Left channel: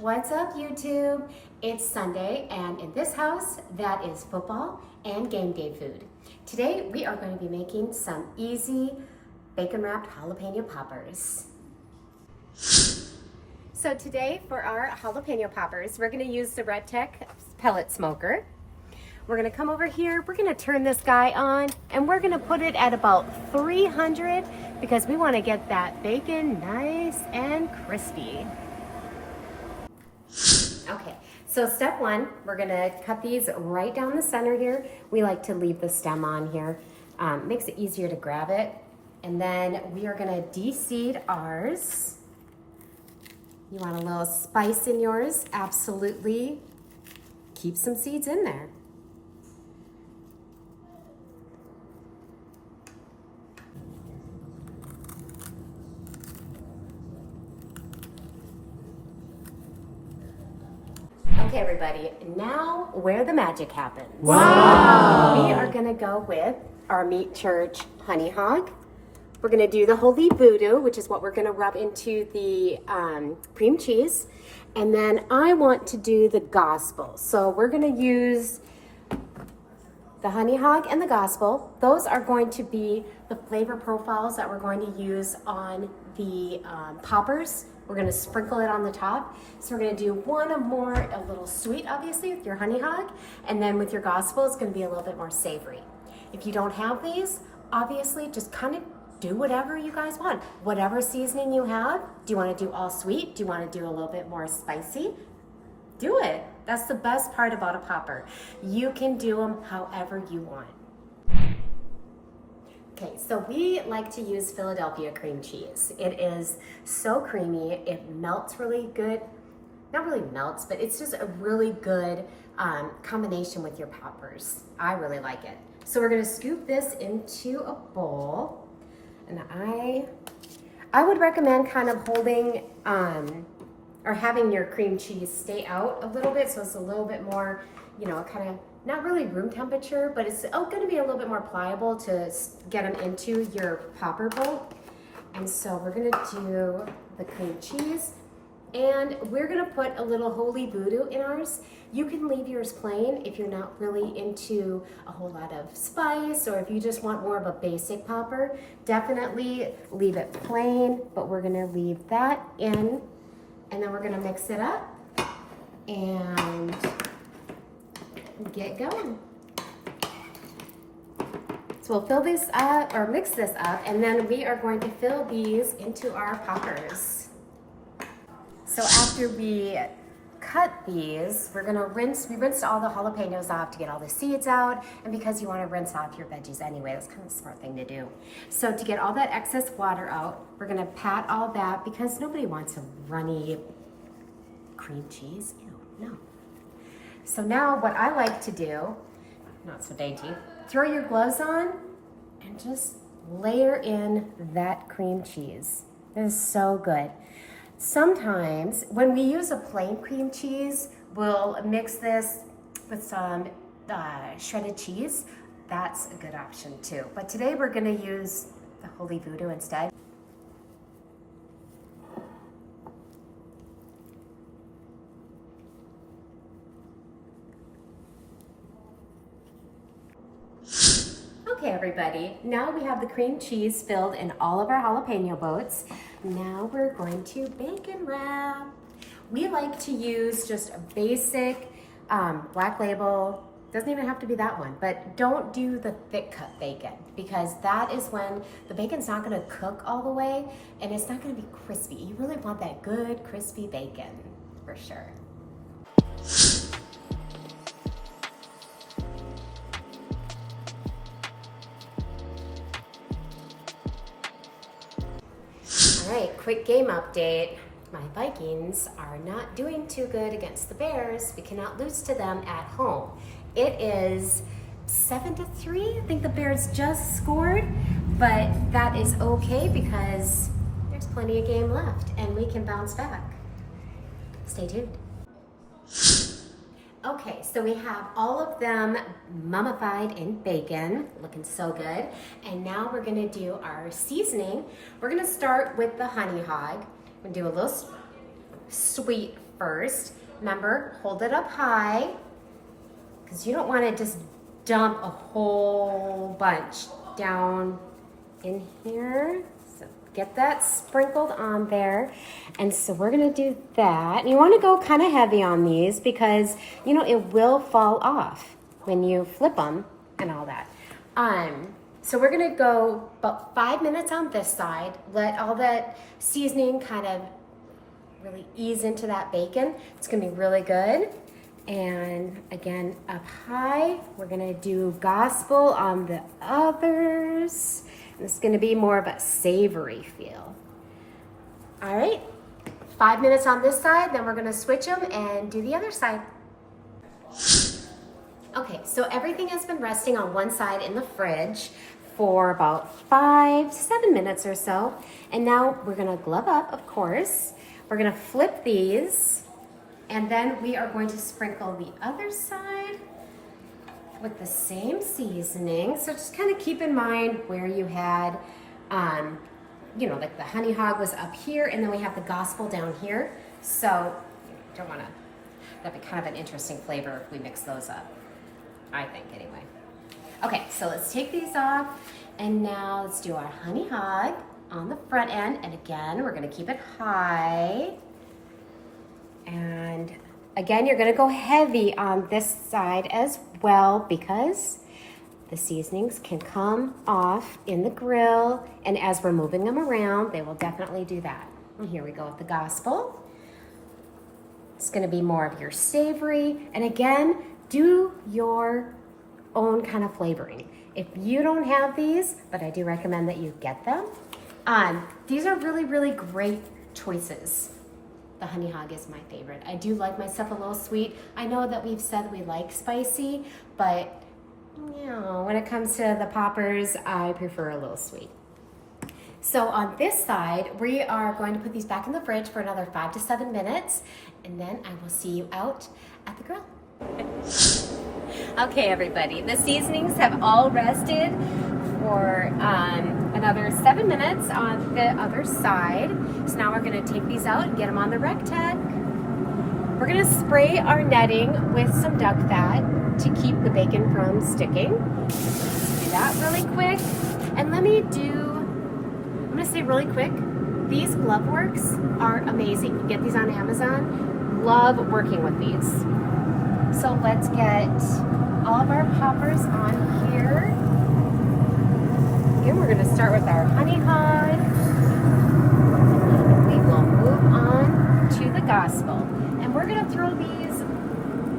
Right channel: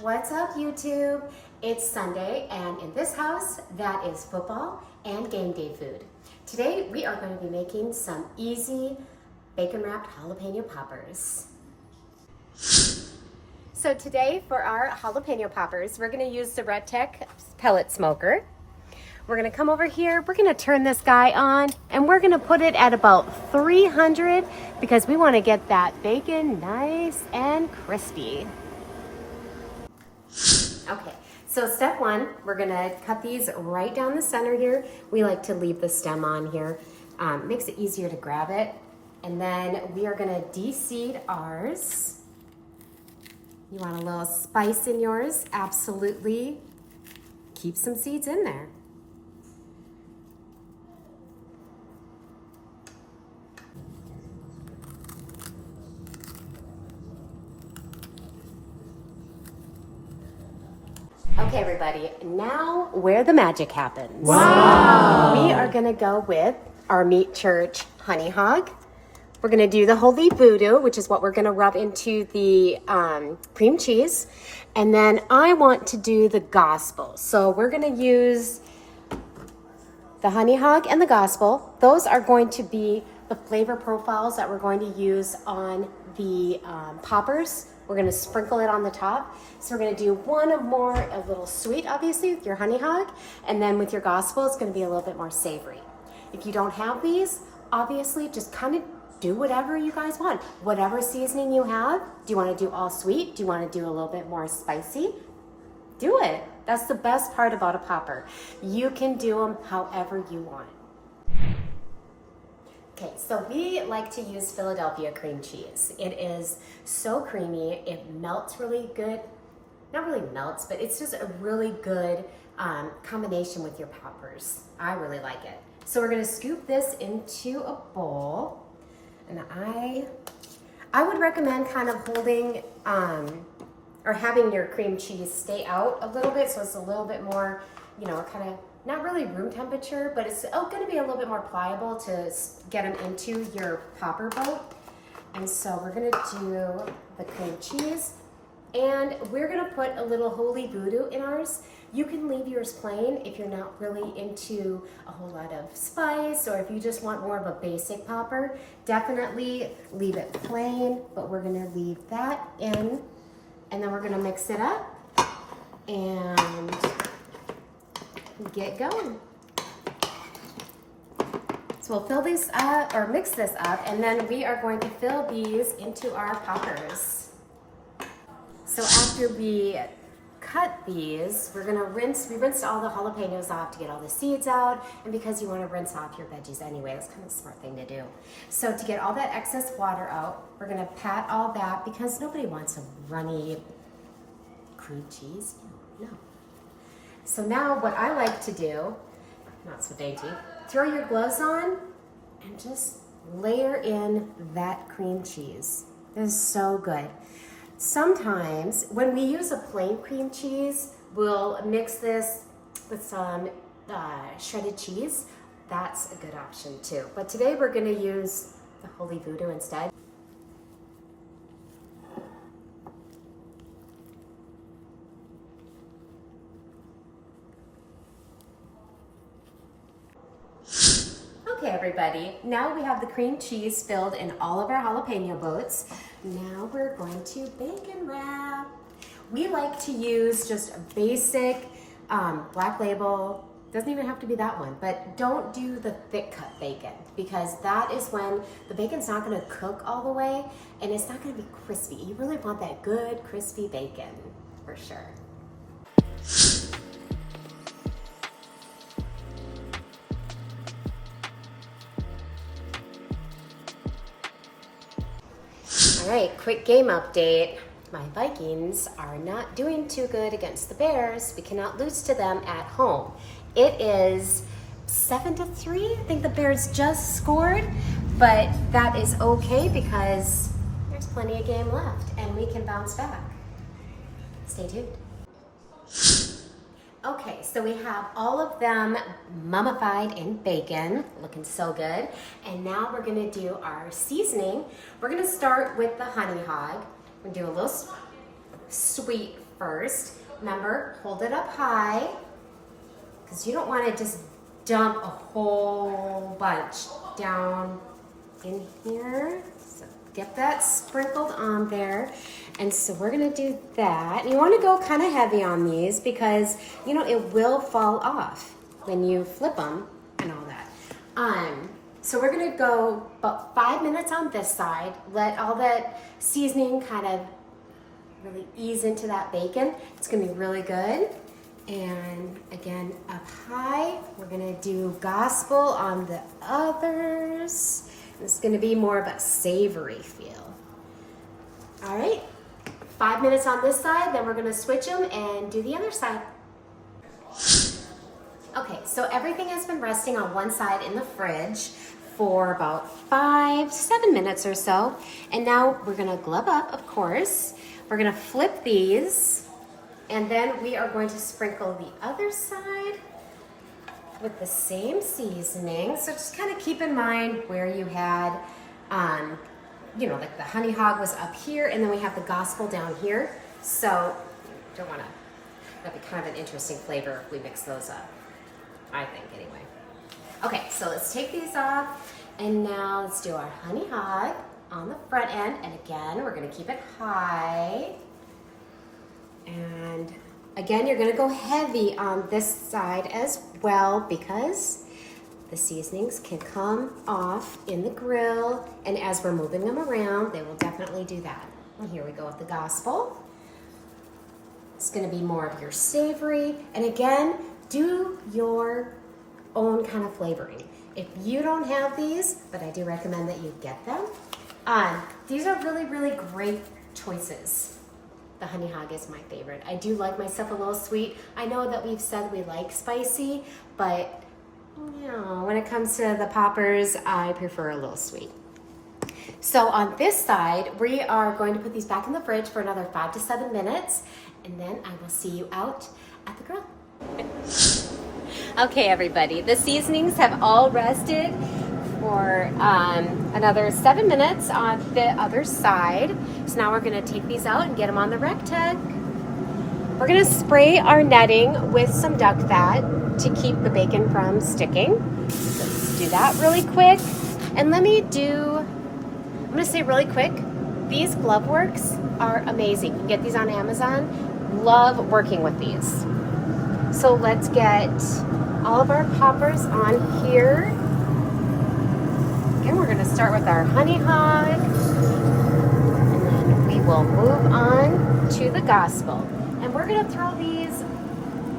What's up, YouTube? It's Sunday, and in this house, that is football and game day food. Today, we are going to be making some easy bacon-wrapped jalapeno poppers. So today, for our jalapeno poppers, we're going to use the Rectec pellet smoker. We're going to come over here, we're going to turn this guy on, and we're going to put it at about 300 because we want to get that bacon nice and crispy. Okay, so step one, we're gonna cut these right down the center here. We like to leave the stem on here. Makes it easier to grab it. And then we are gonna de-seed ours. You want a little spice in yours? Absolutely. Keep some seeds in there. Okay, everybody, now where the magic happens. Wow! We are gonna go with our Meat Church honey hog. We're gonna do the holy voodoo, which is what we're gonna rub into the cream cheese. And then I want to do the gospel. So we're gonna use the honey hog and the gospel. Those are going to be the flavor profiles that we're going to use on the poppers. We're gonna sprinkle it on the top. So we're gonna do one more, a little sweet, obviously, with your honey hog, and then with your gospel, it's gonna be a little bit more savory. If you don't have these, obviously, just kind of do whatever you guys want. Whatever seasoning you have, do you wanna do all sweet? Do you wanna do a little bit more spicy? Do it. That's the best part about a popper. You can do them however you want. Okay, so we like to use Philadelphia cream cheese. It is so creamy, it melts really good. Not really melts, but it's just a really good combination with your poppers. I really like it. So we're gonna scoop this into a bowl. And I would recommend kind of holding, or having your cream cheese stay out a little bit so it's a little bit more, you know, kind of, not really room temperature, but it's going to be a little bit more pliable to get them into your popper boat. And so we're going to do the cream cheese, and we're going to put a little holy voodoo in ours. You can leave yours plain if you're not really into a whole lot of spice, or if you just want more of a basic popper, definitely leave it plain, but we're going to leave that in, and then we're going to mix it up and get going. So we'll fill these up, or mix this up, and then we are going to fill these into our poppers. So after we cut these, we're gonna rinse. We rinsed all the jalapenos off to get all the seeds out, and because you wanna rinse off your veggies anyway, that's kind of a smart thing to do. So to get all that excess water out, we're gonna pat all that, because nobody wants a runny cream cheese. Ew, no. So now what I like to do, not so dainty, throw your gloves on and just layer in that cream cheese. This is so good. Sometimes when we use a plain cream cheese, we'll mix this with some shredded cheese. That's a good option too. But today we're gonna use the holy voodoo instead. Okay, everybody, now we have the cream cheese filled in all of our jalapeno boats. Now we're going to bacon wrap. We like to use just a basic Black Label. Doesn't even have to be that one, but don't do the thick cut bacon, because that is when the bacon's not gonna cook all the way and it's not gonna be crispy. You really want that good crispy bacon, for sure. All right, quick game update. My Vikings are not doing too good against the Bears. We cannot lose to them at home. It is 7-3. I think the Bears just scored, but that is okay because there's plenty of game left and we can bounce back. Stay tuned. Okay, so we have all of them mummified in bacon, looking so good. And now we're gonna do our seasoning. We're gonna start with the honey hog. We're gonna do a little sweet first. Remember, hold it up high because you don't want to just dump a whole bunch down in here. So get that sprinkled on there. And so we're gonna do that. And you wanna go kind of heavy on these because, you know, it will fall off when you flip them and all that. So we're gonna go about 5 minutes on this side, let all that seasoning kind of really ease into that bacon. It's gonna be really good. And again, up high, we're gonna do gospel on the others. This is gonna be more of a savory feel. All right, 5 minutes on this side, then we're gonna switch them and do the other side. Okay, so everything has been resting on one side in the fridge for about 5 to 7 minutes or so. And now we're gonna glove up, of course. We're gonna flip these, and then we are going to sprinkle the other side with the same seasoning. So just kind of keep in mind where you had, you know, like the honey hog was up here, and then we have the gospel down here. So you don't wanna, that'd be kind of an interesting flavor if we mix those up, I think anyway. Okay, so let's take these off, and now let's do our honey hog on the front end. And again, we're gonna keep it high. And again, you're gonna go heavy on this side as well because the seasonings can come off in the grill, and as we're moving them around, they will definitely do that. And here we go with the gospel. It's gonna be more of your savory, and again, do your own kind of flavoring. If you don't have these, but I do recommend that you get them, these are really, really great choices. The honey hog is my favorite. I do like myself a little sweet. I know that we've said we like spicy, but you know, when it comes to the poppers, I prefer a little sweet. So on this side, we are going to put these back in the fridge for another 5 to 7 minutes, and then I will see you out at the grill. Okay, everybody, the seasonings have all rested for another 7 minutes on the other side. So now we're gonna take these out and get them on the Rectec. We're gonna spray our netting with some duck fat to keep the bacon from sticking. Let's do that really quick. And let me do, I'm gonna say really quick, these glove works are amazing. You can get these on Amazon. Love working with these. So let's get all of our poppers on here. Again, we're gonna start with our honey hog. And we will move on to the gospel. And we're gonna throw these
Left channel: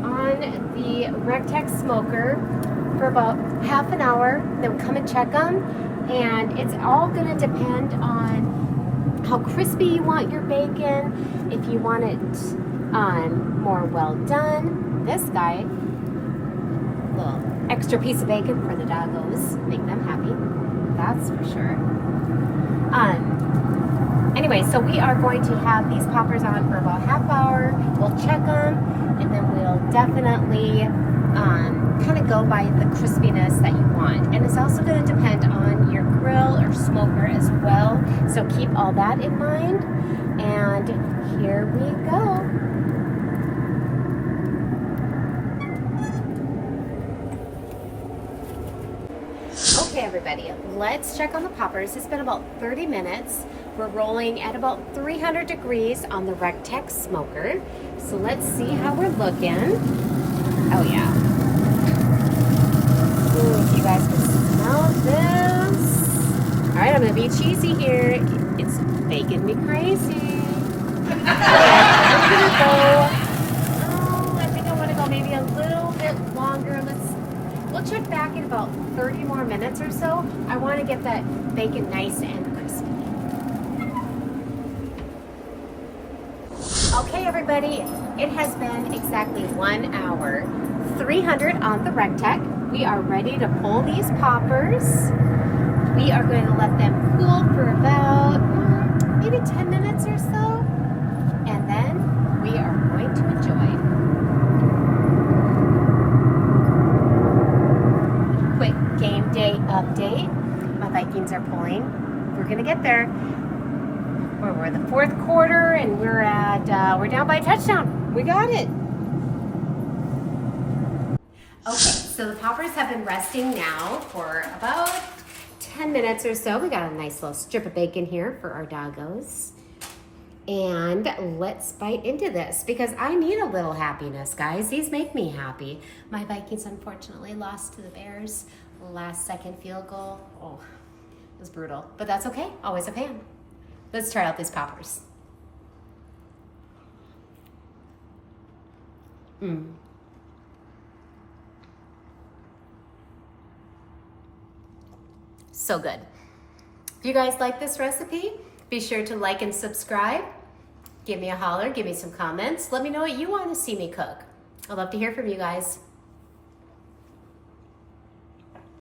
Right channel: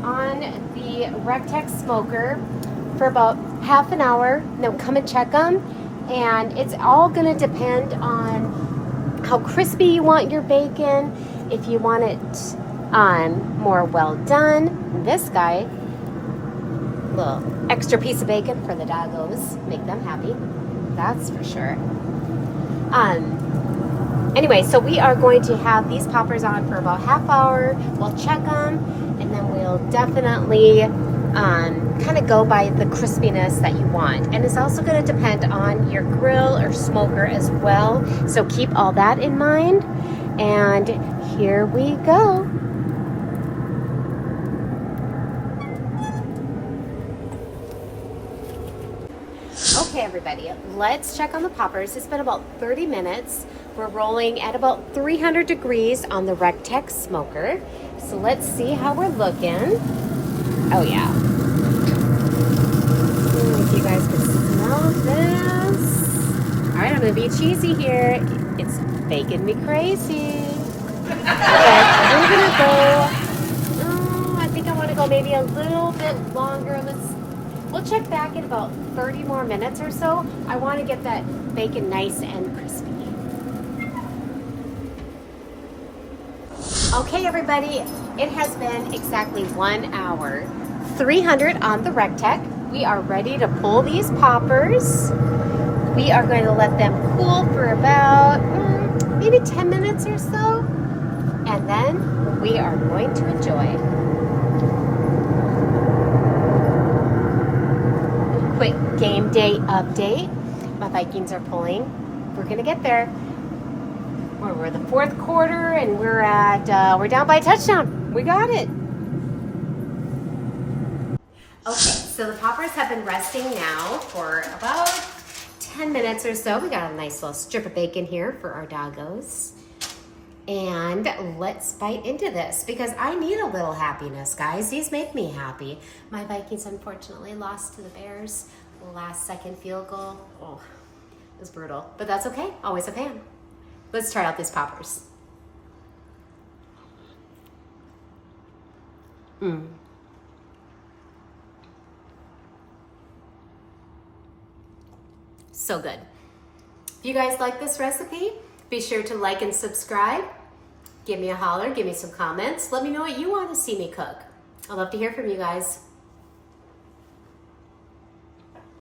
on the Rectec smoker for about half an hour. Then come and check them. And it's all gonna depend on how crispy you want your bacon. If you want it more well done. This guy, little extra piece of bacon for the doggos, make them happy, that's for sure. Anyway, so we are going to have these poppers on for about half hour. We'll check them, and then we'll definitely kind of go by the crispiness that you want. And it's also going to depend on your grill or smoker as well, so keep all that in mind. And here we go. Okay, everybody, let's check on the poppers. It's been about 30 minutes. We're rolling at about 300 degrees on the Rectec smoker. So let's see how we're looking. Oh yeah. If you guys can smell this. All right, I'm gonna be cheesy here. It's making me crazy. I think I wanna go maybe a little bit longer. We'll check back in about 30 more minutes or so. I want to get that bacon nice and crispy. Okay, everybody, it has been exactly 1 hour. 300 on the Rectec. We are ready to pull these poppers. We are going to let them cool for about maybe 10 minutes or so. And then we are going to enjoy. Quick game day update. My Vikings are pulling. We're gonna get there. We're we're the fourth quarter, and we're down by a touchdown. We got it. Okay, so the poppers have been resting now for about 10 minutes or so. We got a nice little strip of bacon here for our doggos. And let's bite into this because I need a little happiness, guys. These make me happy. My Vikings unfortunately lost to the Bears. Last second field goal. Oh, it was brutal, but that's okay. Always a fan. Let's try out these poppers. So good. If you guys like this recipe, be sure to like and subscribe. Give me a holler, give me some comments. Let me know what you want to see me cook. I'd love to hear from you guys.